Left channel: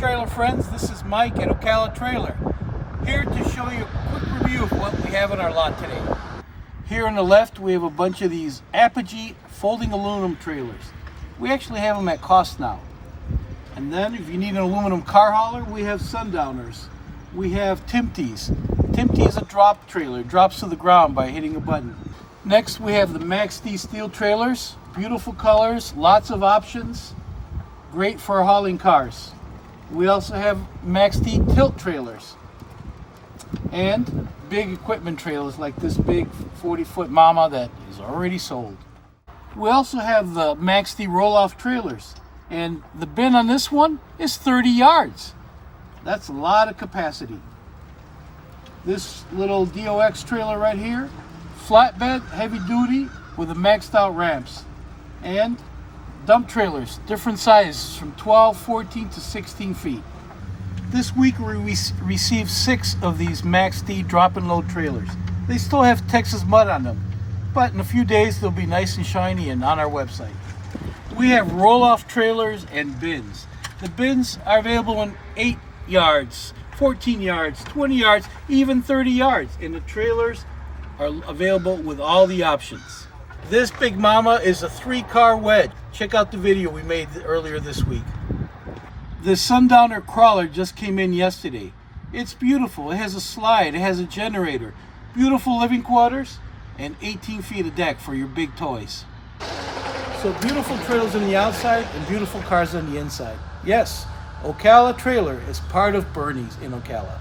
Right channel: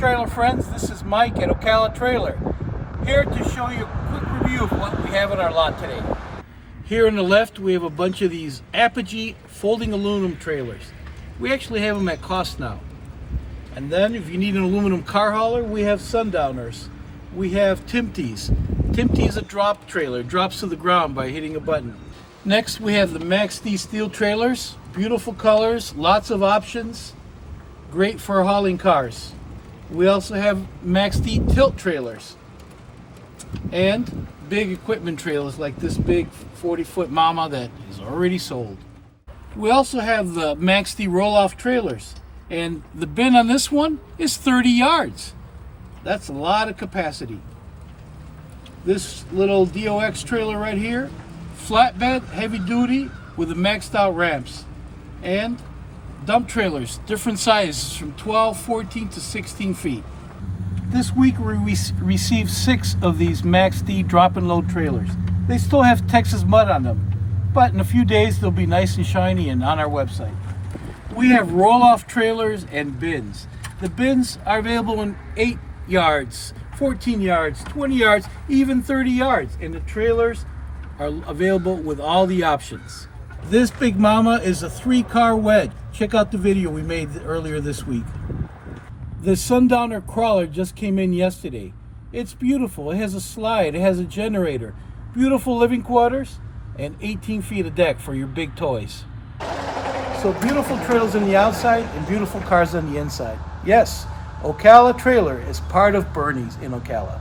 trailer friends, this is Mike at Ocala Trailer, here to show you a quick review of what we have in our lot today. Here on the left we have a bunch of these Apogee Folding Aluminum Trailers. We actually have them at cost now. And then if you need an aluminum car hauler, we have Sundowners. We have Timpte's. Timpte is a drop trailer, drops to the ground by hitting a button. Next we have the Max D steel trailers, beautiful colors, lots of options, great for hauling cars. We also have Max D tilt trailers and big equipment trailers like this big 40-foot mama that is already sold. We also have the Max D roll-off trailers, and the bin on this one is 30 yards. That's a lot of capacity. This little DOX trailer right here, flatbed, heavy duty with the maxed out ramps, and dump trailers, different sizes from 12, 14 to 16 feet. This week we received 6 of these Max D drop and load trailers. They still have Texas mud on them, but in a few days they'll be nice and shiny and on our website. We have roll-off trailers and bins. The bins are available in 8 yards, 14 yards, 20 yards, even 30 yards, and the trailers are available with all the options. This big mama is a 3-car wedge. Check out the video we made earlier this week. The Sundowner crawler just came in yesterday. It's beautiful. It has a slide, it has a generator, beautiful living quarters, and 18 feet of deck for your big toys. So beautiful trailers on the outside and beautiful cars on the inside. Yes, Ocala Trailer is part of Burnyzz in Ocala.